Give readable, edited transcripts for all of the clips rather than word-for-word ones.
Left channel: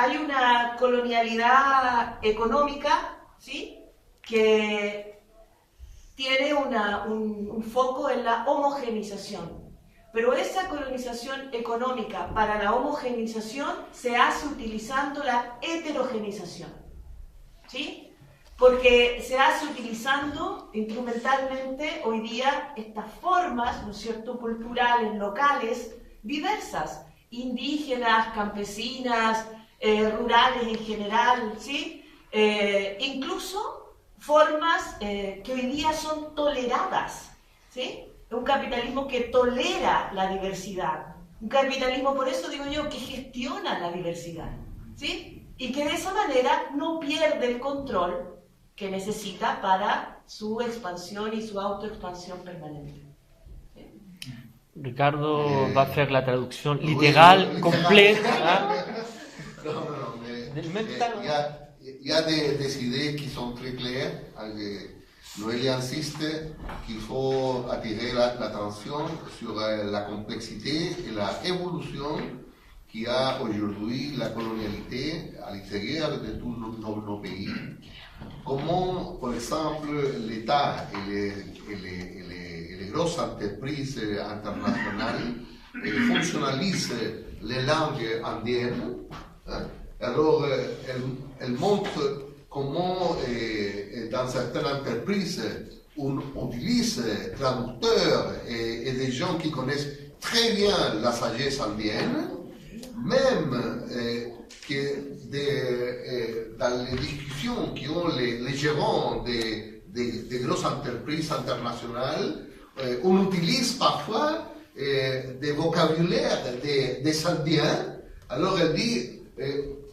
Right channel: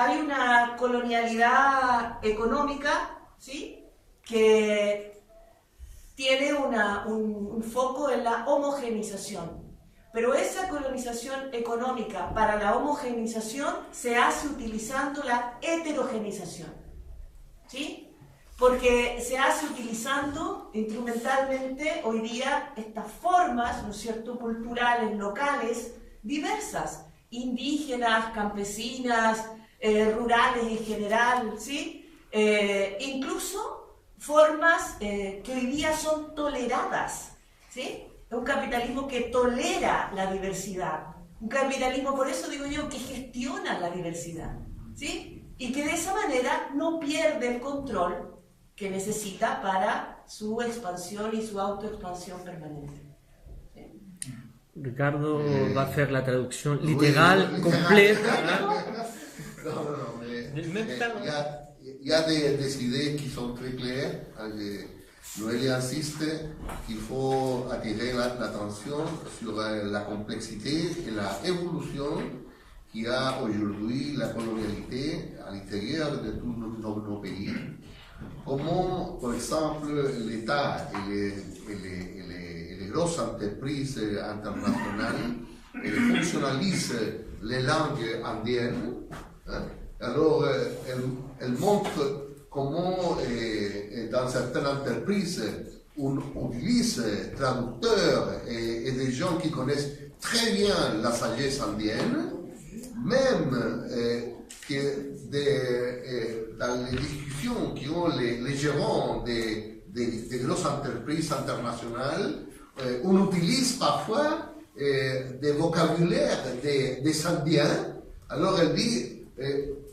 hay una colonialidad económica, ¿sí?, que tiene un foco en la homogeneización. Pero esa colonización económica para la homogeneización se hace utilizando la heterogeneización, ¿sí? Porque se hace utilizando instrumentalmente hoy día estas formas, ¿no es cierto?, culturales, locales, diversas, indígenas, campesinas, rurales en general, ¿sí? Incluso formas que hoy día son toleradas, ¿sí? Un capitalismo que tolera la diversidad, un capitalismo, por eso digo yo, que gestiona la diversidad, ¿sí? Y que de esa manera no pierde el control que necesita para su expansión y su autoexpansión permanente. ¿Sí? Ricardo va a hacer la traducción literal, completa. Non, il y a des idées qui sont très claires. Noélie insiste qu'il faut attirer l'attention sur la complexité et la évolution qu'il y a aujourd'hui la colonialité à l'intérieur de tous nos pays. Comment, par exemple, l'État et les grosses entreprises internationales fonctionnalisent les langues indiennes. Alors, elles montrent comment, dans certaines entreprises, on utilise traducteurs et des gens qui connaissent très bien la sagesse indienne, même que dans les discussions qui ont les gérants des grosses entreprises internationales, on utilise parfois des vocabulaires des Indiens. Alors elle dit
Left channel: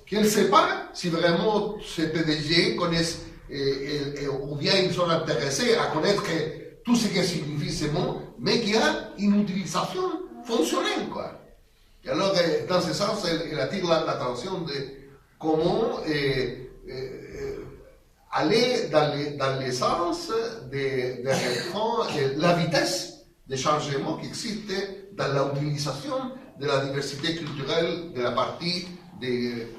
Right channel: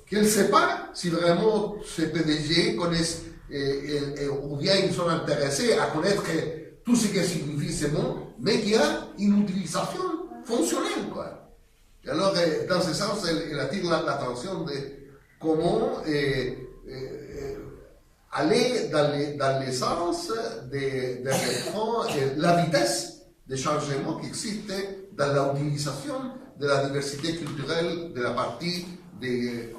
qu'elle ne sait pas si vraiment ces PDG connaissent ou bien ils sont intéressés à connaître tout ce que signifie ce mot, mais qu'il y a une utilisation fonctionnelle, quoi. Et alors, dans ce sens, elle attire l'attention de comment aller dans le sens de reprendre la vitesse de changement qui existe dans l'utilisation de la diversité culturelle de la partie du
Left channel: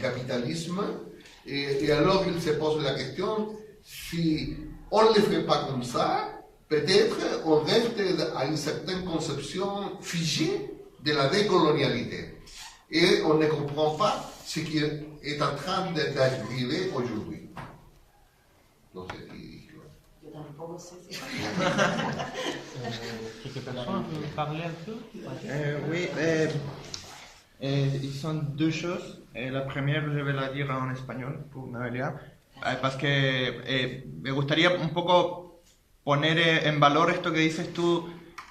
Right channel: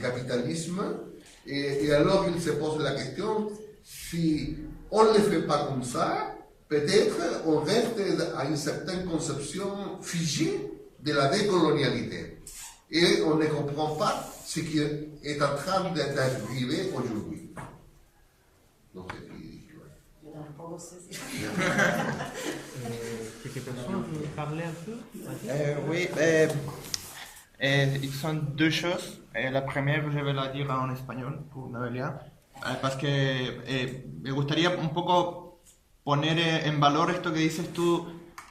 capitalisme. Et alors, il se pose la question, si on ne le fait pas comme ça, peut-être on reste à une certaine conception figée de la décolonialité. Et on ne comprend pas ce qui est en train d'arriver aujourd'hui. Non, c'est ridicule. Yo tampoco sé si... Quelques personnes veulent parler un peu? Oui, ils sont deux choses. La première, je vais la dire en español pour Noelia, parce que me gustaría un poco poner en valor esto que dices tú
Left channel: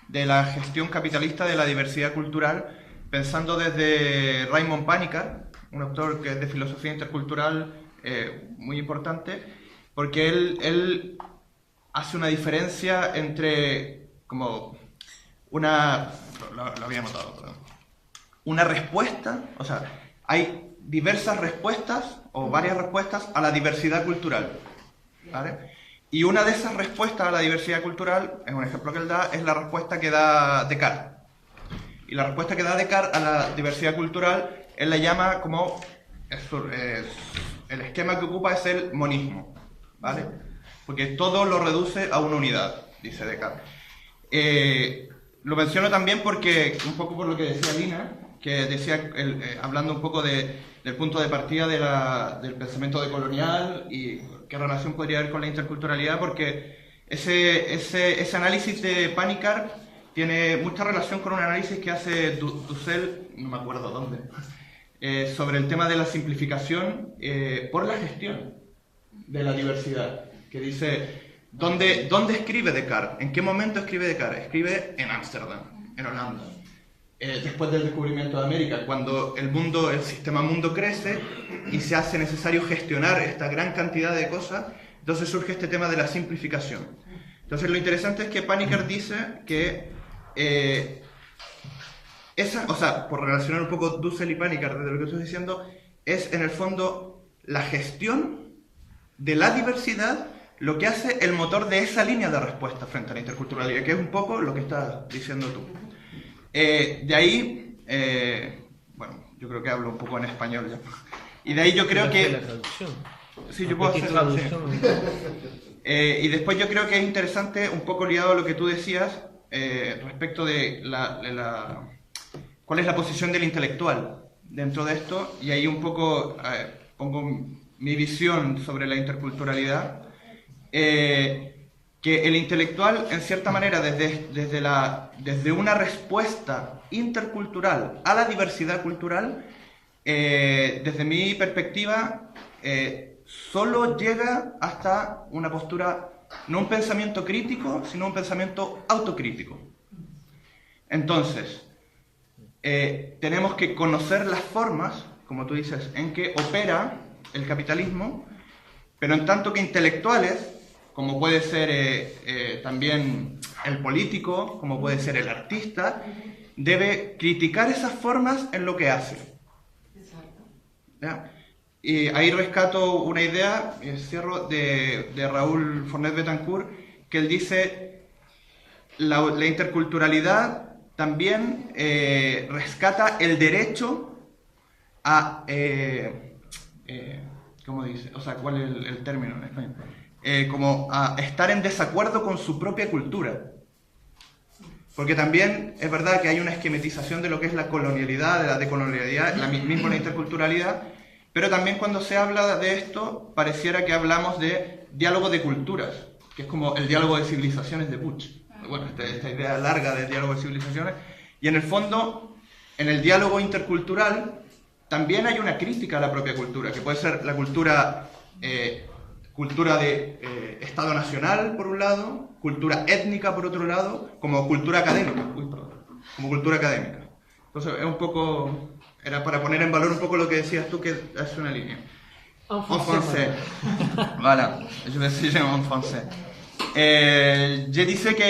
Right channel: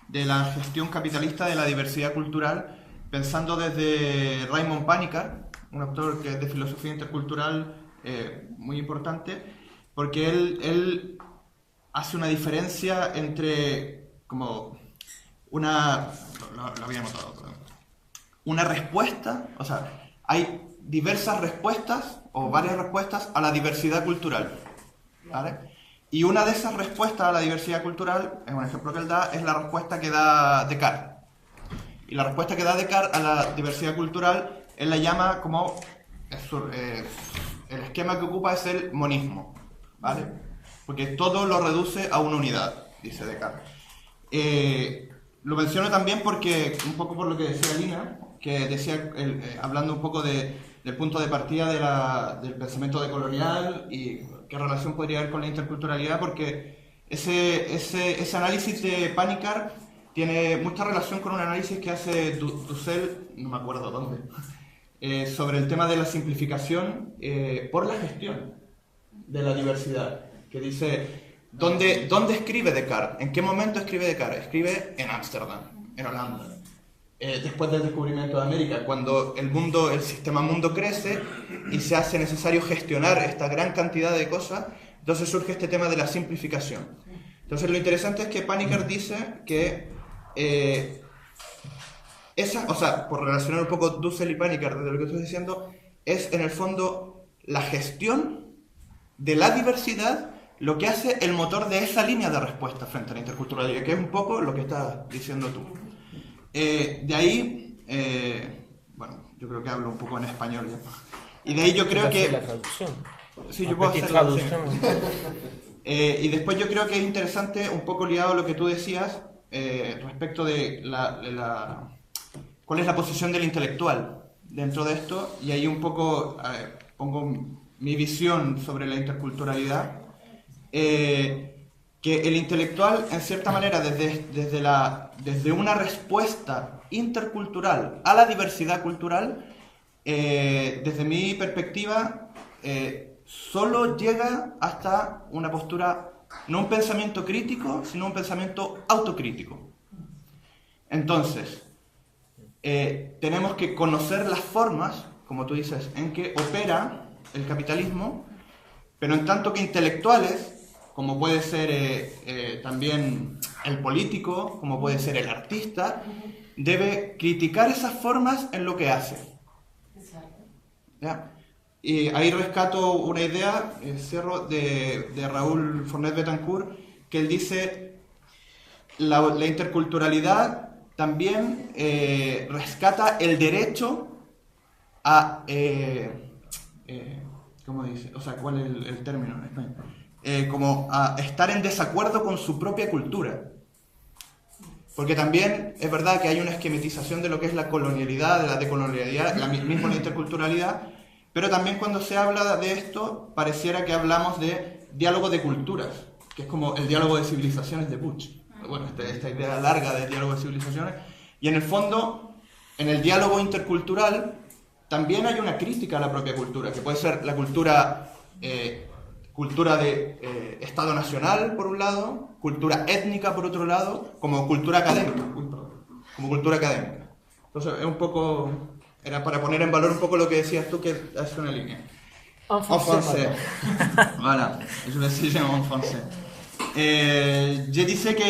de la gestión capitalista de la diversidad cultural, pensando desde Raymond Panikkar, un autor que es de filosofía intercultural muy importante, porque él hace una diferencia entre como una... Lo había notado, perdón. Una respuesta, o sea, hay diversas respuestas o varias respuestas a la diversidad cultural, ¿vale? Y una de esas respuestas a la diversidad cultural, es un ejemplo que él da, es la respuesta que da Descartes. Y la respuesta que da Descartes a la diversidad cultural, él la llama como... el esquema que ocupa es el monismo, ¿vale? Porque todo lo reduce a una unidad, dice Descartes. Lo menciono también porque, un poco por lo que decía Lina, que decía, hablando un poco del punto de partida del pensamiento decolonial y qué relación podría haber con la interculturalidad, porque ese análisis de Panikkar tiene mucha relación con un análisis que hace Dussel, no me acuerdo dónde, sobre el tema de la simplificación por la gestión de la diversidad, que dice, ¿dónde escribe Descartes? ¿En qué momento escribe Descartes? Escribe en Ámsterdam, en Holanda. Después del descubrimiento de América, cuando el sistema mundo crece y se hace necesario gestionar esta gran cantidad de cosas, entonces surge este tema de la simplificación. Entonces lo interesante es que Panikkar dice que por relacionar un poco Dussel y Panikkar desde lo que estoy diciendo, es en el fondo la gestión de la diversidad lo que hace el motor de esa línea de respuesta frente a la interculturalidad, que es un poco lo que estás diciendo tú. De ahí, yo creo que hablo un poco en español ya. Y de ahí yo creo que... La traducción. Sí, yo puedo hacer la traducción. Y después yo creo que es interesante, un poco ligado a lo que tú decías, respecto de cuál es la posición del intelectual dentro de esto, y ahí un poco pongo mi visión sobre la interculturalidad, que el intelectual, en cierta manera, desde una respuesta intercultural a la diversidad cultural, desde mi perspectiva, solo llega hasta una postura, no un pensamiento crítico, sino un pensamiento autocrítico. Entonces, tenemos que conocer las formas, como tú dices, en que opera el capitalismo, pero en tanto que intelectuales, como puede ser también el político, como puede ser el artista, debe criticar esas formas en lo que hace. ¿Ya? Y ahí rescato una idea, cierro, de Raúl Fornet Betancourt, que él dice, la interculturalidad también rescata el derecho a... ¿cómo dice? O sea, ¿cuál es el término en español? Como a estar en desacuerdo con su propia cultura. Porque también es verdad que hay una esquematización de lo que es la colonialidad, de la decolonialidad, la misma la interculturalidad, pero también cuando se habla de esto, pareciera que hablamos de diálogo de culturas, que es como el diálogo de civilizaciones de Butch. Bueno, esta idea larga del diálogo de civilizaciones. Y en el fondo, en el diálogo intercultural, también hay una crítica a la propia cultura, que puede ser la cultura de Estado Nacional, por un lado, cultura étnica, por otro lado, como cultura académica. Como cultura académica. Entonces, es un poco... Era para poner en valor un poco lo que decías tú, que es una línea. En français. Voilà, je vais essayer en français. Je disais que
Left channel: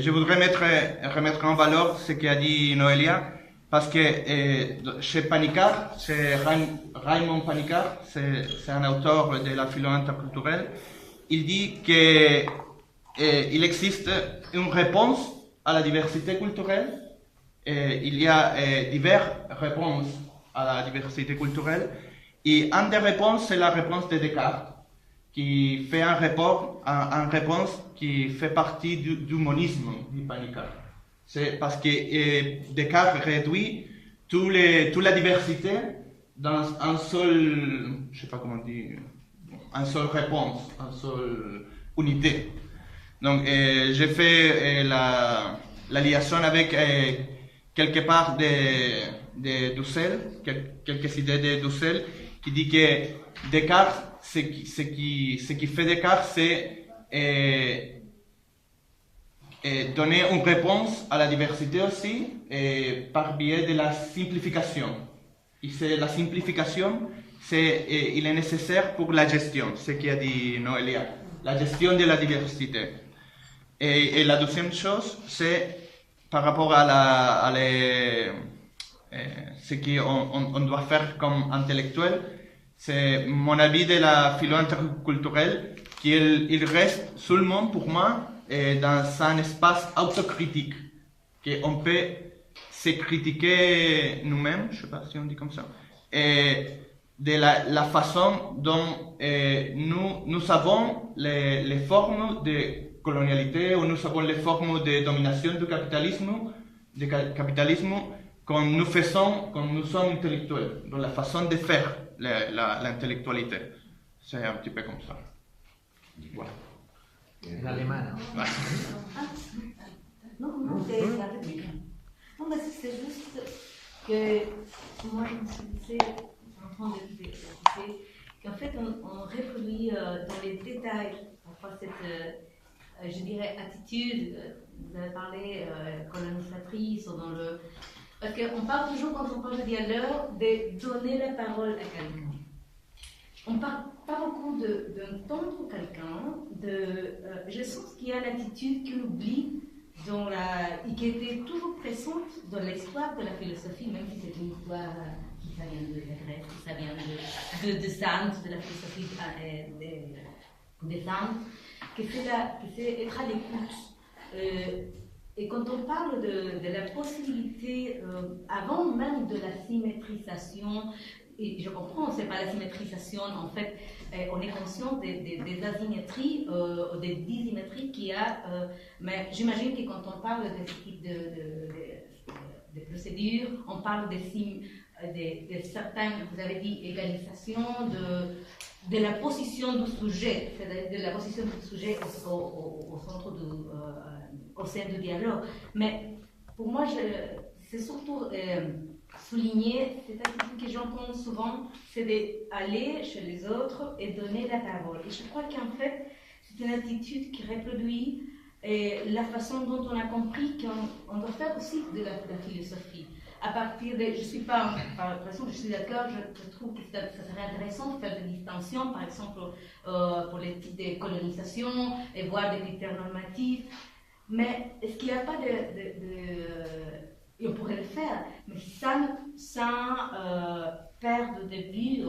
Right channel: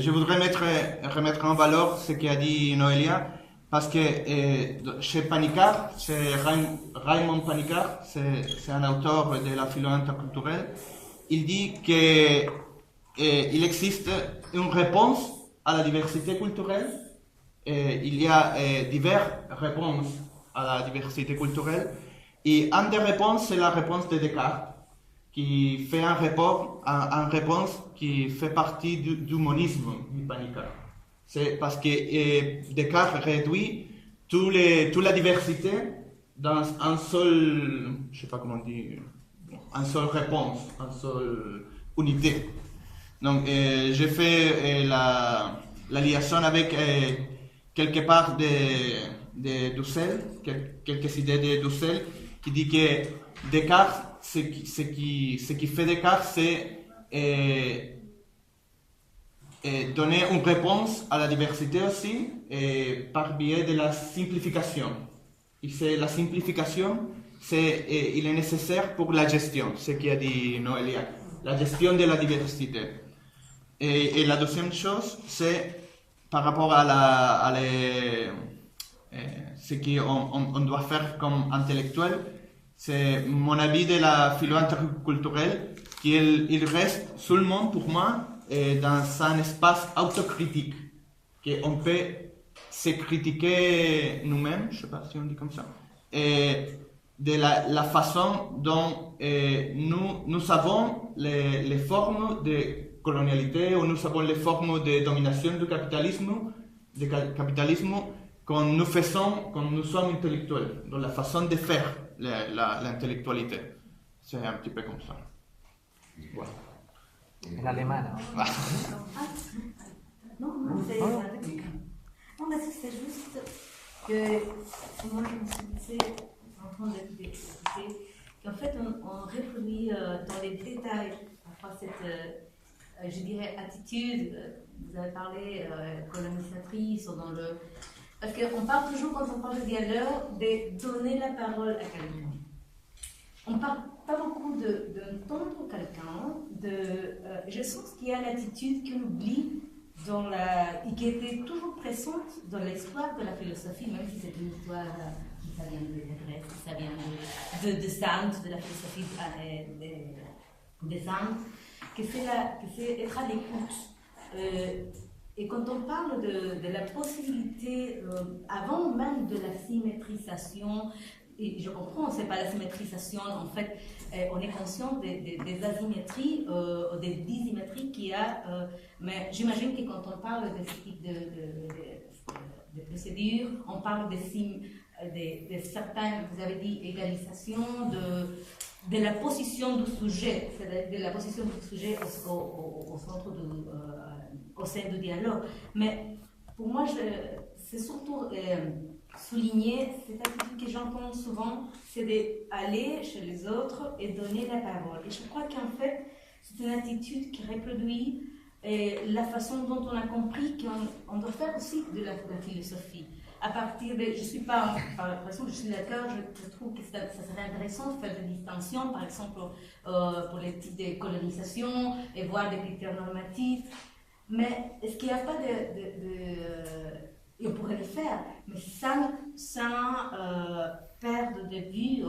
je voudrais remettre en valeur ce qu'a dit Noelia, parce que chez Panicard, chez Raymond Panicard, c'est un auteur de la philo interculturelle, il dit qu'il existe une réponse à la diversité culturelle. Il y a diverses réponses à la diversité culturelle, et une des réponses, c'est la réponse de Descartes, qui fait une réponse qui fait partie du monisme du Panicard. C'est parce que Descartes réduit toute la diversité dans un seul, je ne sais pas comment dire, une seule réponse, une seule unité. Donc j'ai fait la liaison avec quelque part de Dussel, quelques idées de Dussel, qui dit que Descartes, ce qui fait Descartes, c'est donner une réponse à la diversité aussi, par biais de la simplification. Et c'est la simplification, il est nécessaire pour la gestion, ce qu'a dit Noelia, la gestion de la diversité. Et la deuxième chose, c'est par rapport à ce qu'on doit faire comme intellectuel, c'est mon avis de la philo interculturelle qu'il reste seulement pour moi dans un espace autocritique, qu'on peut se critiquer nous-mêmes, je ne sais pas si on dit comme ça, et de la façon dont nous avons les formes de colonialité, ou nous avons les formes de domination du capitalisme quand nous sommes intellectuels, dans la façon de faire l'intellectualité. C'est un petit peu comme ça. Voilà. L'alemana. Non, c'est la réplique. Non, mais c'est juste que moi je me suis dit, en train d'écouter, qu'en fait on reproduit dans les détails parfois cette je dirais attitude, vous avez parlé colonisatrice, ou dans le... Parce qu'on parle toujours, quand on parle de dialogue, de donner la parole à quelqu'un. On ne parle pas beaucoup d'entendre quelqu'un, je sens qu'il y a l'attitude qu'on oublie et qui était toujours présente dans l'histoire de la philosophie, même si c'est une histoire qui ça vient de la Grèce, ça vient de Sand, de la philosophie des Indes, que c'est être à l'écoute. Et quand on parle de la possibilité avant même de la symétrisation, et je comprends, c'est pas la symétrisation, en fait, on est conscient des asymétries, des dissymétries qu'il y a, mais j'imagine que quand on parle de ce type de procédures, on parle de certaines, vous avez dit, égalisation, de la position du sujet, c'est-à-dire de la position du sujet au centre au sein du dialogue. Mais pour moi, c'est surtout souligner cette attitude que j'entends souvent, c'est d'aller chez les autres et donner la parole. Et je crois qu'en fait, c'est une attitude qui reproduit la façon dont on a compris qu'on doit faire aussi de la philosophie. À partir de, je suis pas, par exemple, je suis d'accord, je trouve que ça serait intéressant de faire des distinctions, par exemple, pour les types de colonisation et voir des critères normatifs. Mais est-ce qu'il n'y a pas et on pourrait le faire, mais sans perdre de vue,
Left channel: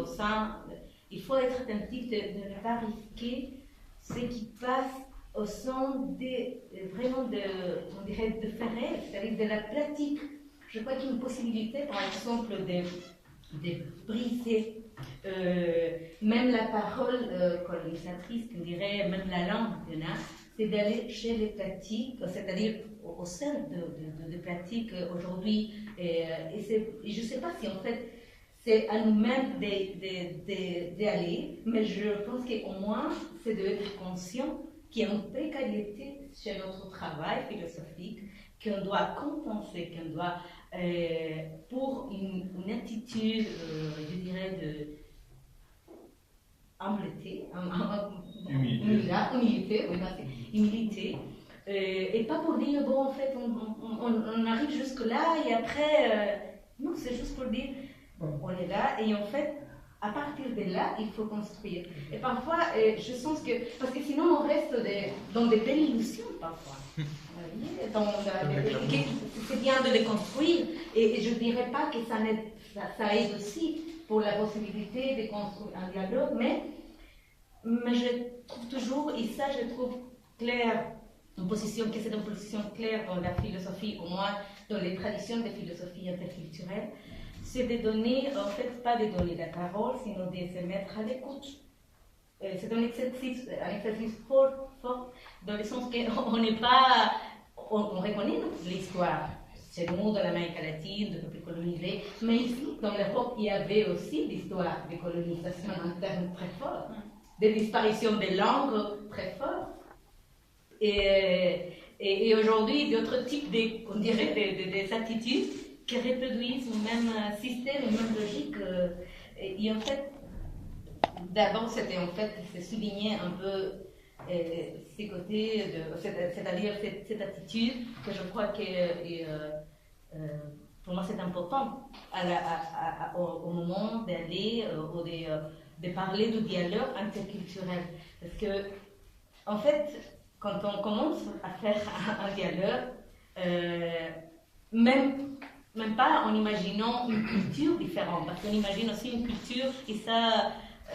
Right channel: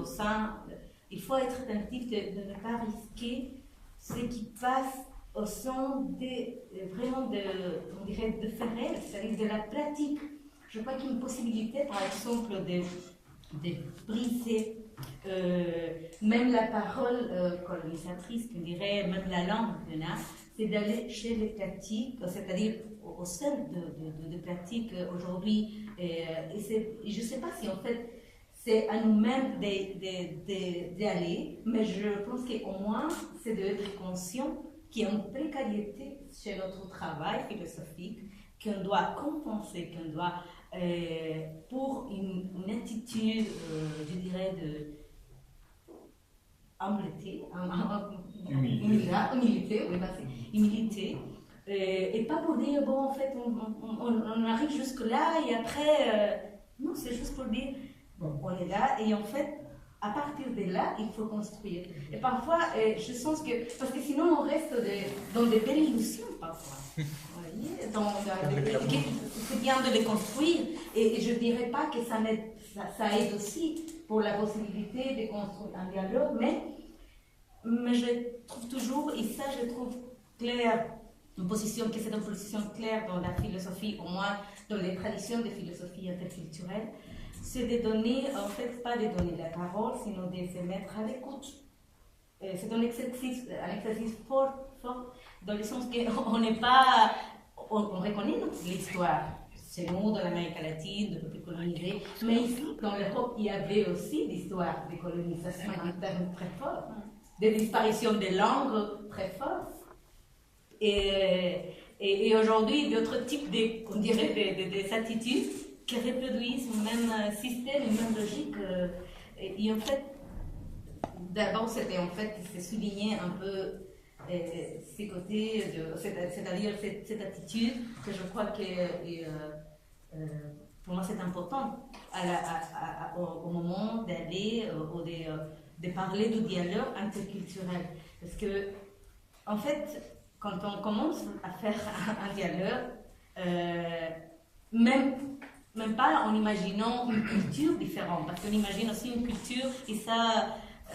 il faut être attentif de ne pas risquer ce qui passe au sein vraiment on dirait, de faire réel, c'est-à-dire de la pratique. Je crois qu'il y a une possibilité, par exemple, de briser même la parole colonisatrice, on dirait, même la langue qu'on a, c'est d'aller chez les pratiques, c'est-à-dire au sein de pratiques aujourd'hui. Et je ne sais pas si en fait c'est à nous-mêmes d'y aller, mais je pense qu'au moins c'est d'être conscient qu'il y a une précarité chez notre travail philosophique, qu'on doit compenser, qu'on doit, pour une attitude, je dirais, de humilité, humilité, et pas pour dire, bon, en fait, on arrive jusque-là, et après, non, c'est juste pour dire, on est là, et en fait, à partir de là, il faut construire. Et parfois, je sens que, parce que sinon, on reste dans des belles illusions, parfois. C'est bien de les construire, et je ne dirais pas que ça aide aussi pour la possibilité de construire un dialogue, mais je trouve toujours, et ça je trouve clair, c'est une position claire dans la philosophie, au moins dans les traditions de philosophie interculturelle, c'est de donner, en fait, pas de donner la parole, sinon de se mettre à l'écoute. C'est un exercice fort, dans le sens qu'on n'est pas, on reconnaît l'histoire. Chez nous, dans l'Amérique latine, de peuples colonisés, mais ici, dans l'Europe, il y avait aussi l'histoire des colonisations en termes très forts, des disparitions des langues très fortes. Et aujourd'hui, d'autres types on dirait, des attitudes qui reproduisent le même système, une même logique. Et en fait, d'abord, c'était en fait souligner un peu ces côtés, c'est-à-dire cette attitude que je crois que pour moi c'est important au moment d'aller ou de parler du dialogue interculturel. Parce que, en fait, quand on commence à faire un dialogue, même pas en imaginant une culture différente, parce qu'on imagine aussi une culture, et ça,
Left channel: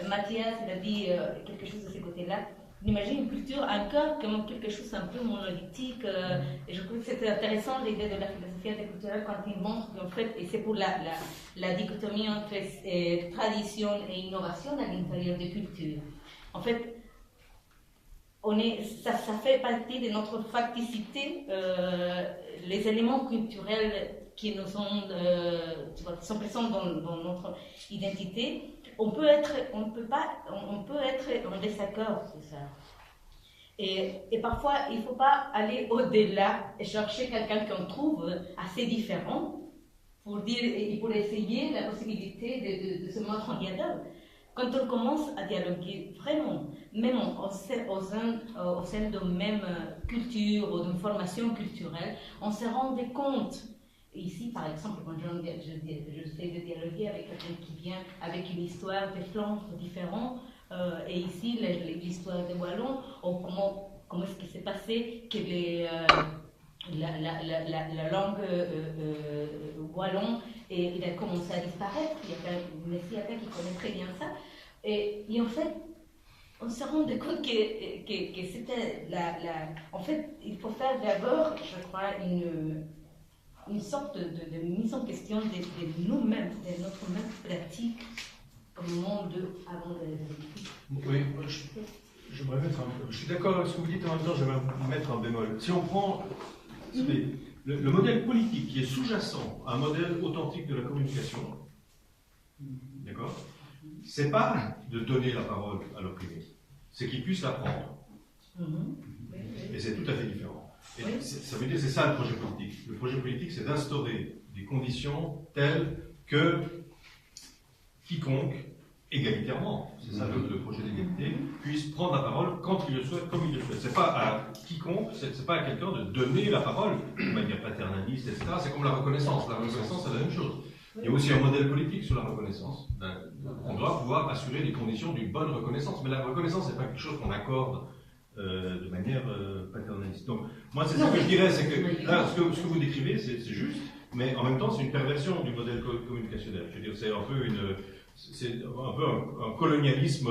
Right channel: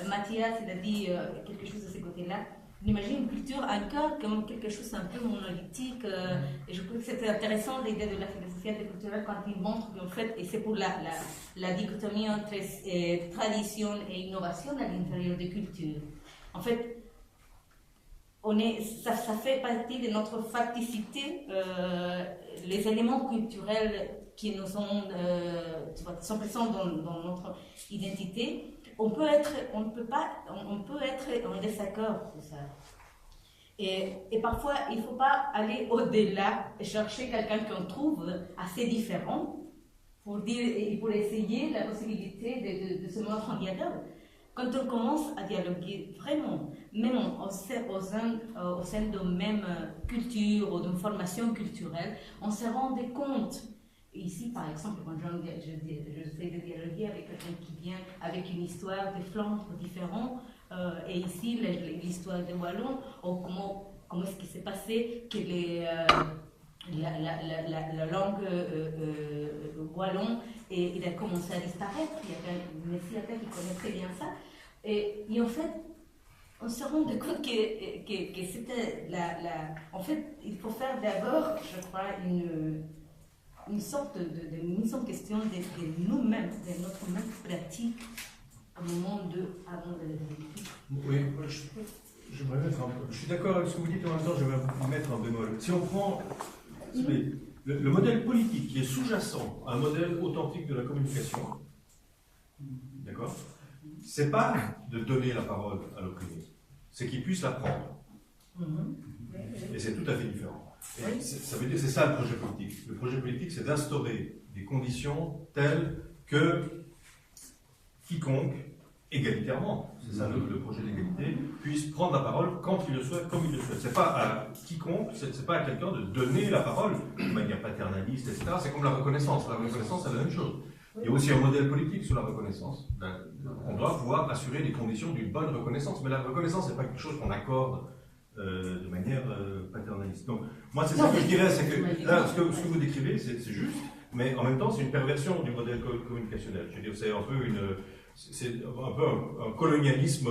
Mathias, il a dit quelque chose de ce côté-là, on imagine une culture encore comme quelque chose un peu monolithique, et je trouve que c'était intéressant l'idée de la philosophie interculturelle quand il montre qu'en fait, et c'est pour la dichotomie entre tradition et innovation à l'intérieur des cultures. En fait, ça fait partie de notre facticité, les éléments culturels qui nous sont présents dans notre identité. On peut être en désaccord sur ça. Et parfois, il ne faut pas aller au-delà et chercher quelqu'un qu'on trouve assez différent pour essayer la possibilité de se mettre en dialogue. Quand on commence à dialoguer vraiment, même au sein de même culture ou d'une formation culturelle, on se rend compte. Ici, par exemple, quand j'essaie de dialoguer avec quelqu'un qui vient avec une histoire de Flandre différente, et ici, l'histoire de Wallon, ou comment est-ce qu'il s'est passé que la langue wallon il a commencé à disparaître. Il y a un Messiatin qui connaît très bien ça. Et en fait, on se rend compte que c'était en fait, il faut faire d'abord, je crois, une sorte de mise en question de nous-mêmes, de notre même pratique au moment avant de l'écriture. Oui, j'aimerais mettre je suis d'accord avec ce que vous dites, en même temps j'aimerais mettre un bémol. Si on prend le modèle politique qui est sous-jacent à un modèle authentique de la communication, d'accord, c'est pas de donner la parole à l'opprimé, c'est qu'il puisse la prendre. Et c'est tout à fait différent. Et ça veut dire, c'est ça le projet politique. Le projet politique, c'est d'instaurer des conditions telles que quiconque, égalitairement, c'est ça le projet d'égalité, puisse prendre la parole quand il le souhaite, comme il le souhaite. C'est pas à quiconque, c'est pas à quelqu'un de donner la parole de manière paternaliste, etc. C'est comme la reconnaissance. La reconnaissance, c'est la même chose. Il y a aussi un modèle politique sur la reconnaissance. On doit pouvoir assurer les conditions d'une bonne reconnaissance. Mais la reconnaissance, c'est pas quelque chose qu'on accorde de manière paternaliste. Donc, moi, c'est ça que je dirais, c'est que là, ce que vous décrivez, c'est juste, mais en même temps, c'est une perversion du modèle communicationnel. Je veux dire, c'est un peu un colonialisme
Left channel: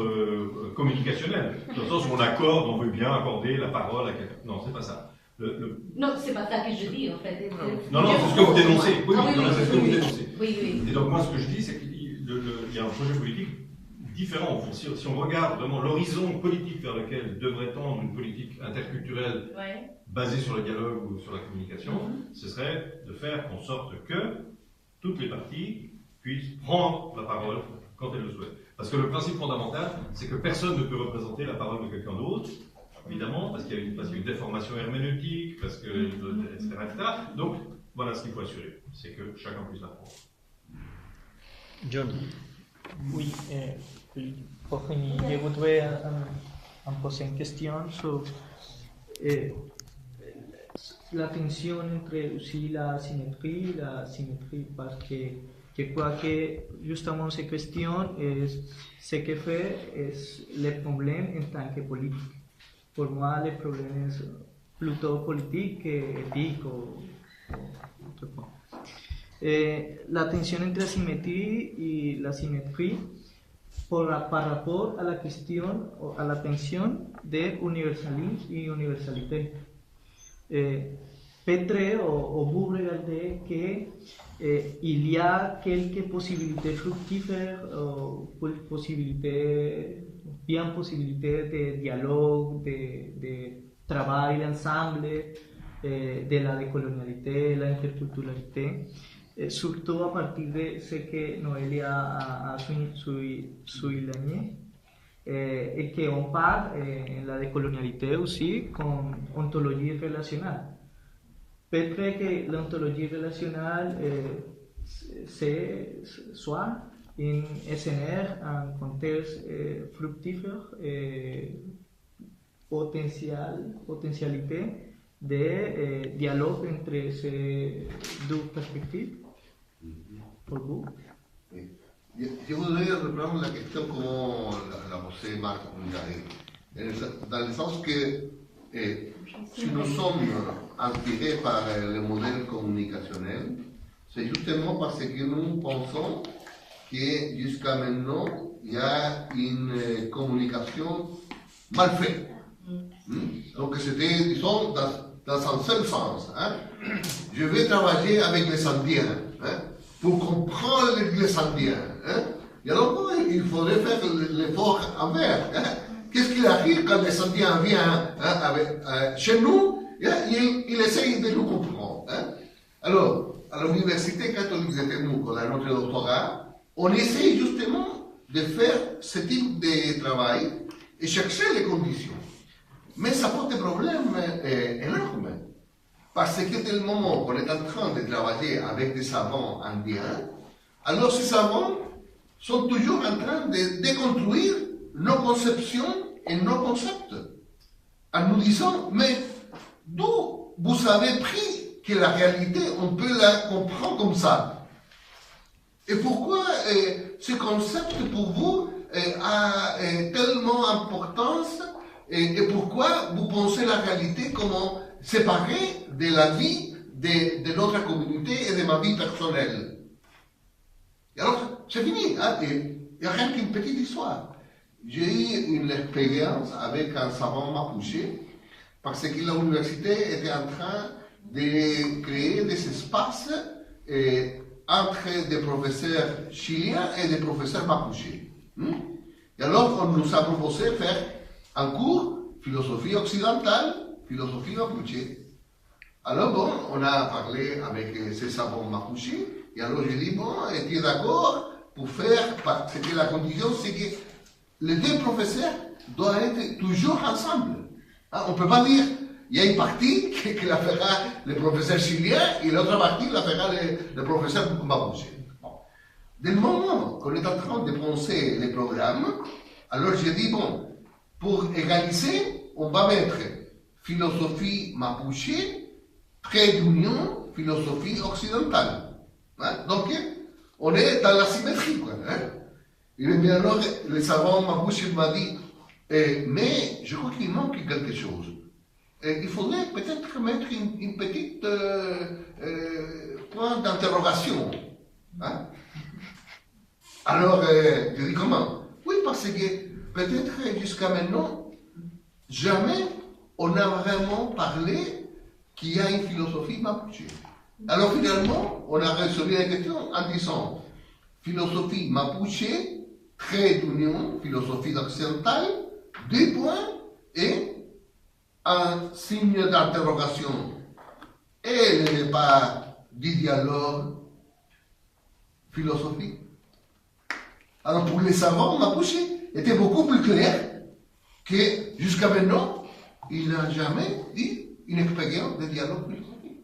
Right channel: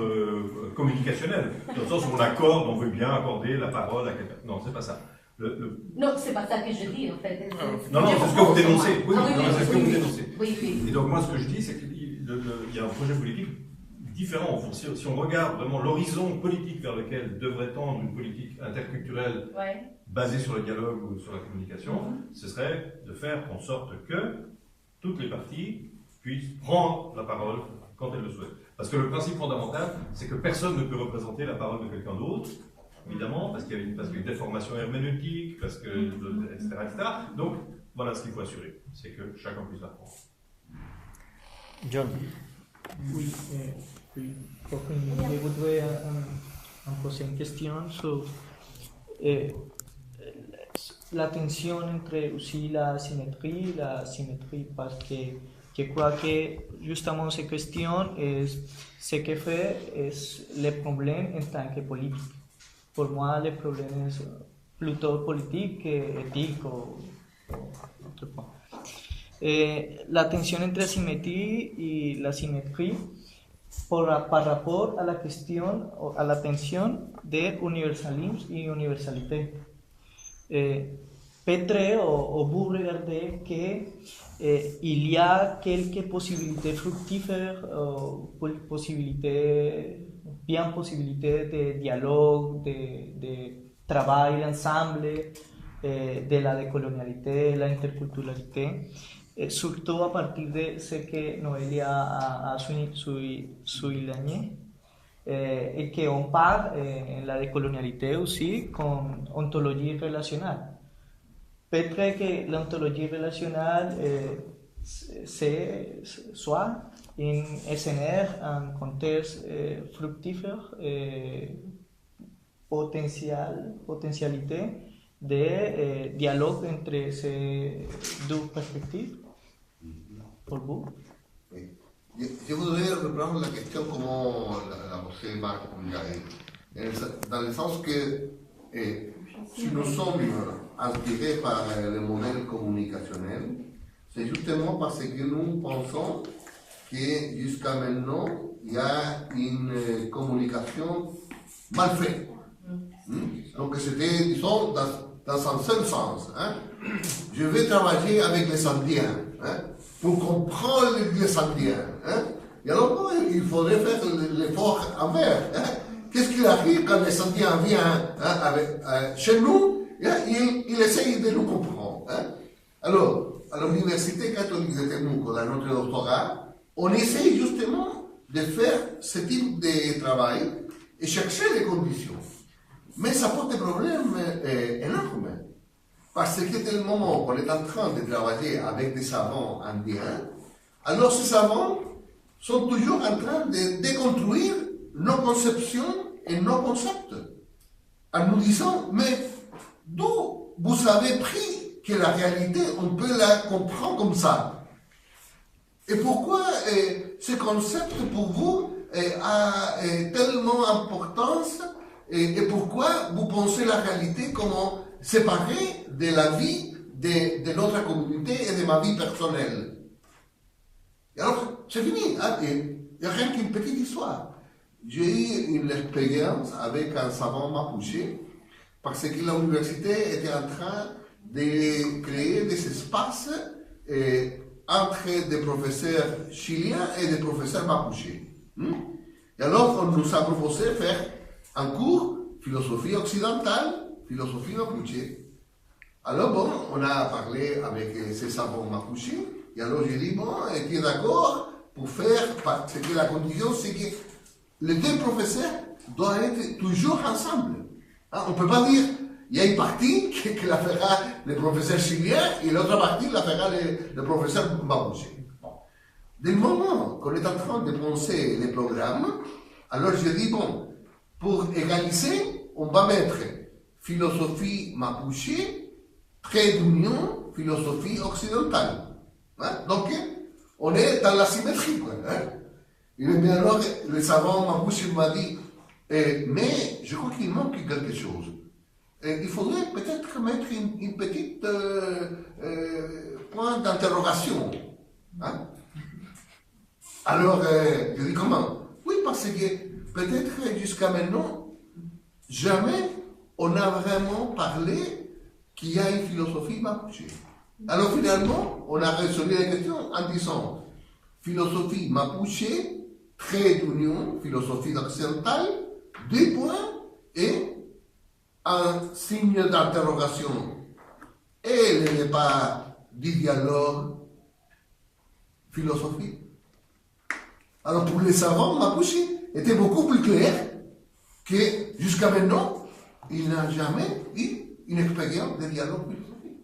communicationnel, dans le sens où on veut bien accorder la parole à quelqu'un. Non, c'est pas ça. Non, c'est pas ça que je dis, en fait. Non, c'est ce que vous dénoncez. Oui, c'est ce que vous dénoncez. Oui. Et donc, moi, ce que je dis, c'est qu'il y a un projet politique différent. Si on regarde vraiment l'horizon politique vers lequel devrait tendre une politique interculturelle basée sur le dialogue ou sur la communication, ce serait de faire en sorte que toutes les parties puissent prendre la parole quand elles le souhaitent. Parce que le principe fondamental, c'est que personne ne peut représenter la parole de quelqu'un d'autre, évidemment, parce qu'il y a une déformation herméneutique, etc., etc. Donc, voilà ce qu'il faut assurer, c'est que chacun puisse la prendre. John. Oui, pour finir, je voudrais poser une question sur la tension entre aussi la symétrie, parce que je crois que justement cette question, ce que fait est le problème en tant que politique. Pour moi, le problème est plutôt politique qu'éthique ou autre point. La tension entre la symétrie et la symétrie par rapport à la question, à la tension de universalisme et universalité. Peut-être, vous regardez qu'il y a quelques possibilités fructíferas, possibilités de dialogue, de travail ensemble, de la décolonialité, la interculturalité, surtout à partir de ce que Noelia a souligné, et qu'on parle en la décolonialité aussi con ontologie relationnelle. Peut-être que l'ontologie relationnelle c'est soit un escenaire, un contexte fructífère, potentialité de dialogue entre ces deux perspectives. Pour vous? Oui. Je voudrais reprendre la question comme la posait Marc Punjabi, dans le sens que si nous sommes inspirés par le modèle communicationnel, c'est justement parce que nous pensons que jusqu'à maintenant, il y a une communication mal faite. Donc c'était, disons, dans un seul sens. Je vais travailler avec les Indiens pour comprendre les Indiens. Et alors, il faudrait faire l'effort envers. Qu'est-ce qu'il arrive quand les Indiens viennent chez nous? Ils essayent de nous comprendre. Alors, à l'Université catholique de Temuco, dans notre doctorat, on essaye justement de faire ce type de travail et chercher les conditions. Mais ça pose des problèmes énormes. Parce que dès le moment qu'on est en train de travailler avec des savants indiens, alors ces savants sont toujours en train de déconstruire nos conceptions et nos concepts. En nous disant, mais d'où vous avez pris que la réalité, on peut la comprendre comme ça? Et pourquoi ce concept pour vous a tellement d'importance et pourquoi vous pensez la réalité comme séparée de la vie de notre communauté et de ma vie personnelle? Et alors, c'est fini. Il n'y a rien qu'une petite histoire. J'ai eu une expérience avec un savant mapuche parce que l'université était en train de créer des espaces entre des professeurs chiliens et des professeurs mapuches. Et alors, on nous a proposé de faire un cours philosophie occidentale, philosophie mapuche. Alors, bon, on a parlé avec ces savants mapuches, et alors j'ai dit, bon, tu es d'accord pour faire, parce que la condition, c'est que les deux professeurs doivent être toujours ensemble. On ne peut pas dire, il y a une partie que la fera le professeur chilien et l'autre partie la fera le professeur mapuche. Bon. Dès le moment qu'on est en train de penser les programmes, alors j'ai dit, bon, pour égaliser, on va mettre philosophie mapuche, trait d'union, philosophie occidentale. Donc, on est dans la symétrie. Et bien alors, le savant mapuche m'a dit, mais je crois qu'il manque quelque chose. Il faudrait peut-être mettre une petite point d'interrogation. Alors, je dis comment? Oui, parce que peut-être jusqu'à maintenant, jamais on a vraiment parlé qu'il y a une philosophie mapuche. Alors finalement, on a résolu la question en disant philosophie mapuche, trait d'union, philosophie occidentale, 2 points et un signe d'interrogation. Elle n'est pas du dialogue philosophique. Alors pour les savants, mapuche était beaucoup plus clair que jusqu'à maintenant, il n'a jamais eu une expérience de dialogue philosophique.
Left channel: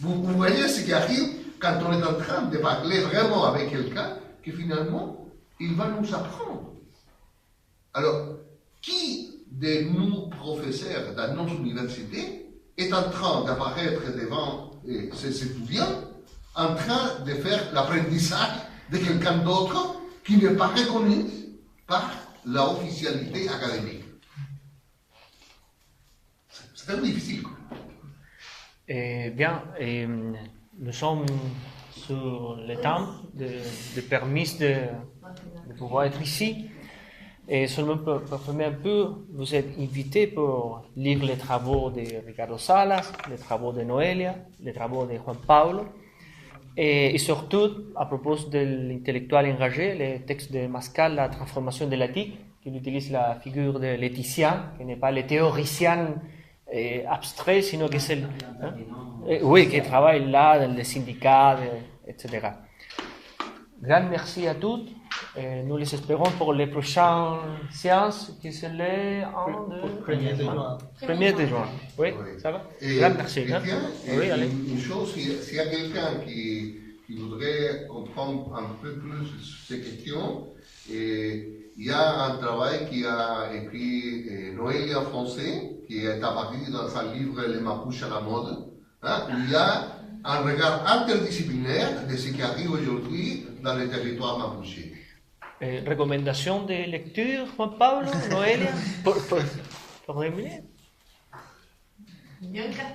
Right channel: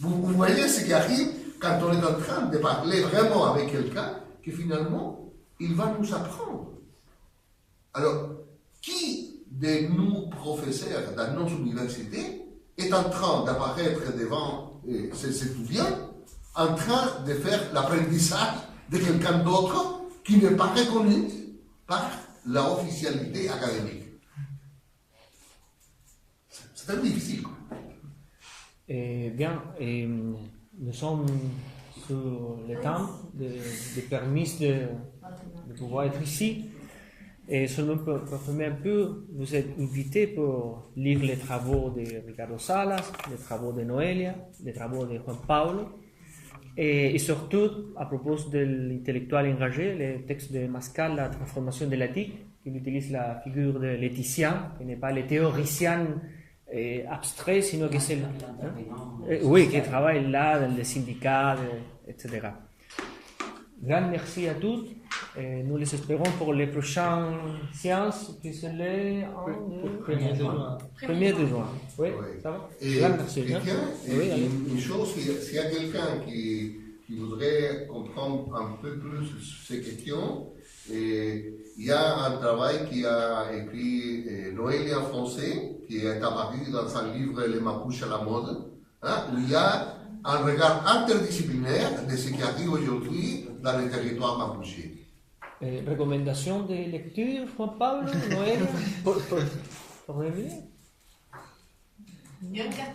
Vous voyez ce qui arrive quand on est en train de parler vraiment avec quelqu'un, que finalement, il va nous apprendre. Alors, qui de nous, professeurs dans nos universités, est en train d'apparaître devant ses étudiants, en train de faire l'apprentissage de quelqu'un d'autre qui n'est pas reconnu par la officialité académique? C'est très difficile. Bien, nous sommes sur le temps de permis de pouvoir être ici. Et seulement pour confirmer un peu, vous êtes invité pour lire les travaux de Ricardo Salas, les travaux de Noelia, les travaux de Juan Pablo, et surtout, à propos de l'intellectuel engagé, les textes de Mascal, La transformation de l'éthique, qui utilise la figure de l'éthicien, qui n'est pas le théoricien abstrait, sinon que c'est oui, qui travaille là dans les syndicats, etc. Grand merci à tous. Nous les espérons pour les prochaines séances qui sont les 1er de juin. Oui, ça va? Grand merci. Oui, une chose, s'il y a quelqu'un qui voudrait comprendre un peu plus ces questions, il y a un travail qui a écrit Noélia en français, qui est apparu dans un livre Les Mapuches à la mode, où il y a un regard interdisciplinaire de ce qui arrive aujourd'hui dans les territoires mapuches. Recomendación de lectura, Juan Pablo, Noelia, por Emilia.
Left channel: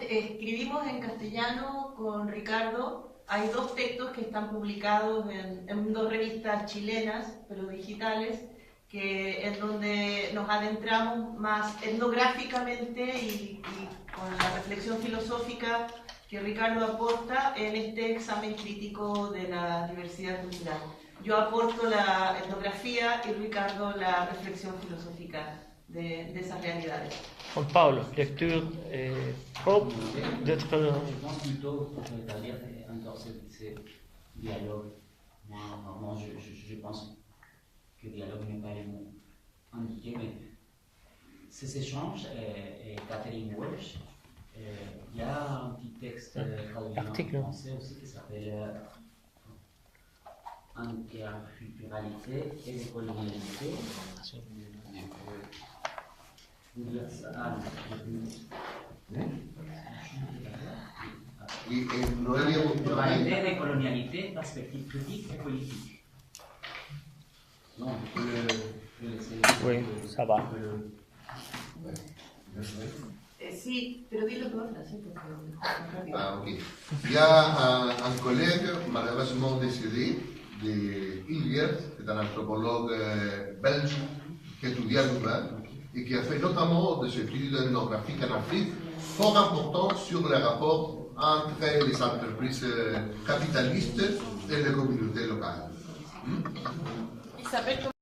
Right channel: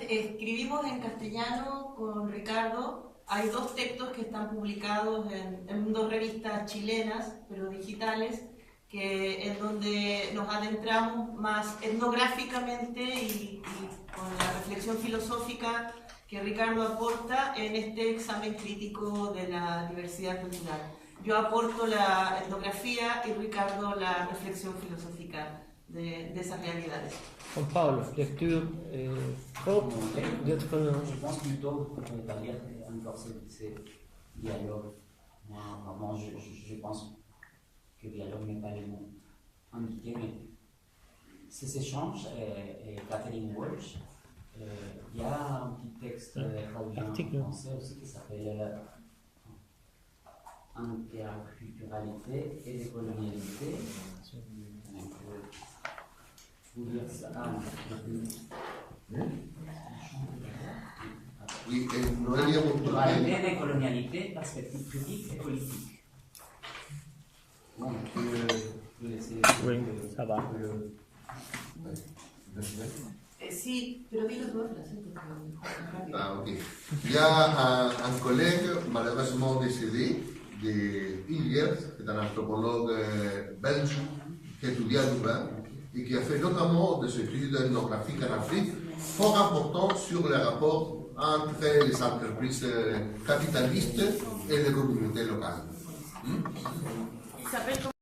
Escribimos en castellano con Ricardo. Hay 2 textos que están publicados en 2 revistas chilenas, pero digitales, en donde nos adentramos más etnográficamente y con la reflexión filosófica que Ricardo aporta en este examen crítico de la diversidad cultural. Yo aporto la etnografía y Ricardo la reflexión filosófica de esas realidades. Juan Pablo, lecture d'être... Je pense plutôt pour établir encore ce dialogue. Moi, je pense que dialogue n'est pas le mot indiqué, mais ces échanges, et Catherine Walsh, il y a un petit texte traduit en français aussi qui s'appelle Interculturalité et décolonialité. Vous dire ça. Oui, Noélia, Culturalité, décolonialité, perspective critique et politique. Bon, je peux laisser. Oui, ça va. Sí, pero di los 2 Ah, ok. Il y a un collègue malheureusement décédé de Ilgers, c'est un anthropologue belge qui étudie à Louvain et qui a fait notamment des études ethnographiques en Afrique fort important sur les rapports entre les entreprises capitalistes et les communautés locales. Il s'appelle